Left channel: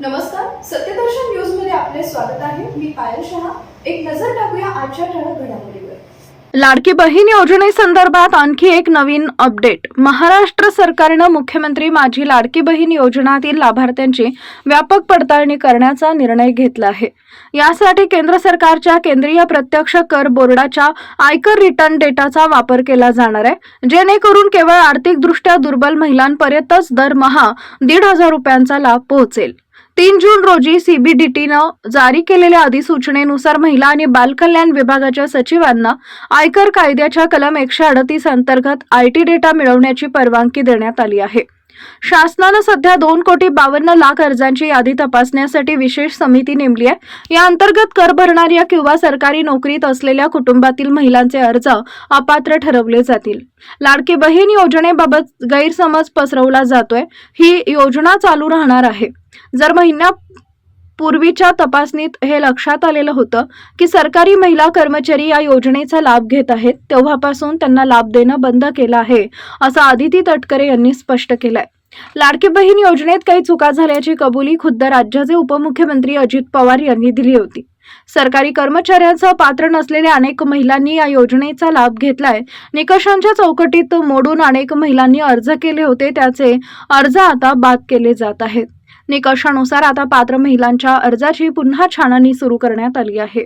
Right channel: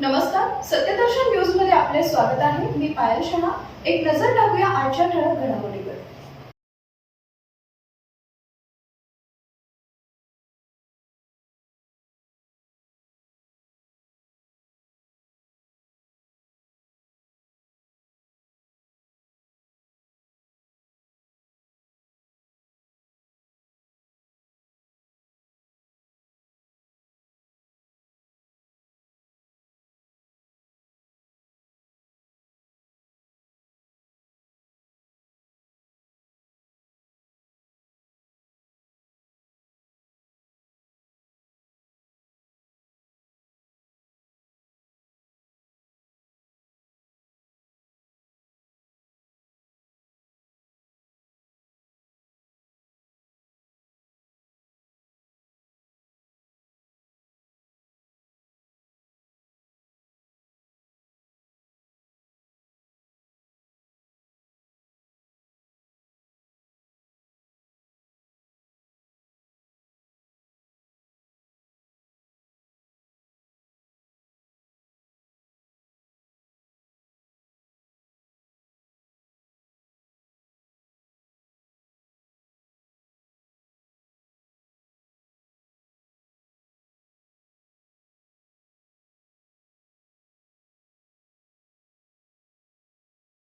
नमस्कार सत्यदर्शन न्यूजमध्ये आपले स्वागत आहे. मी पायल शहा. एक नजर टाकूया आजच्या ठळक घडामोडीवर. लाडकी बहीण योजनेसंदर्भात आणखी एक नवीन अपडेट. महाराष्ट्र सरकारनं मुख्यमंत्री माझी लाडकी बहीण योजनातील लाभार्थ्यांची व्यापक पडताळणी करण्याचा निर्णय घेतला आहे. यासाठी केंद्र सरकारच्या केंद्रीय प्रत्यक्ष कर बोर्डाच्या आयकर रिटर्न डेटाचा वापर केला जाणार आहे जेणेकरून केवळ आर्थिकदृष्ट्या दुर्बल महिलांपर्यंतच दरमहा दीड हजार रुपयांचा लाभ पोहोचेल. तीन जून रोजी सीबीडीटीनं जारी केलेल्या अधिसूचनेनुसार महिला आणि बालकल्याण विभागाच्या सचिवांना आयकर कायद्याच्या कलम एकशे अडतीस अंतर्गत आय टी डेटा मिळवण्याची परवानगी देण्यात आली आहे. शासनानं सध्या दोन कोटी बावन्न लाख अर्जांची यादी तपासण्यासाठी विशेष समिती नेमली आहे. या अंतर्गत कर भरणाऱ्या किंवा सरकारी नोकरीत असलेल्या कुटुंबातील महिलांचे अर्ज अपात्र ठरवले जातील. लाडकी बहीण योजनेबाबत गैरसमज पसरवला जातोय. ही योजना चालू राहणार आहे. जर महिन्या पूर्वीच्या तपासणीत हे लक्षात आलेलं होतं की सरकारी महिला कर्मचारी या योजनेचा लाभ घेत आहेत तेव्हापासून त्यांना लाभ देणं बंद केलं आहे असं आदिती तटकरे यांनी स्पष्ट केलंय. लाडकी बहीण योजनेत काही चुका झाल्याची कबुली खुद्द राज्याचे उपमुख्यमंत्री अजित पवार यांनी दिली होती. सरकारी कर्मचाऱ्यांसह पात्र नसलेल्या अनेक महिलांनी या योजनेचा लाभ घेतलाय. निकषांच्या चौकटीत मोडून अनेक महिलांनी अर्ज केले होते त्याचे अर्ज आता बाद केले जात आहेत. निकषानुसार आता पात्र महिलांच्या अर्जाची पुन्हा छाननी सुरू करण्यात आली आहे.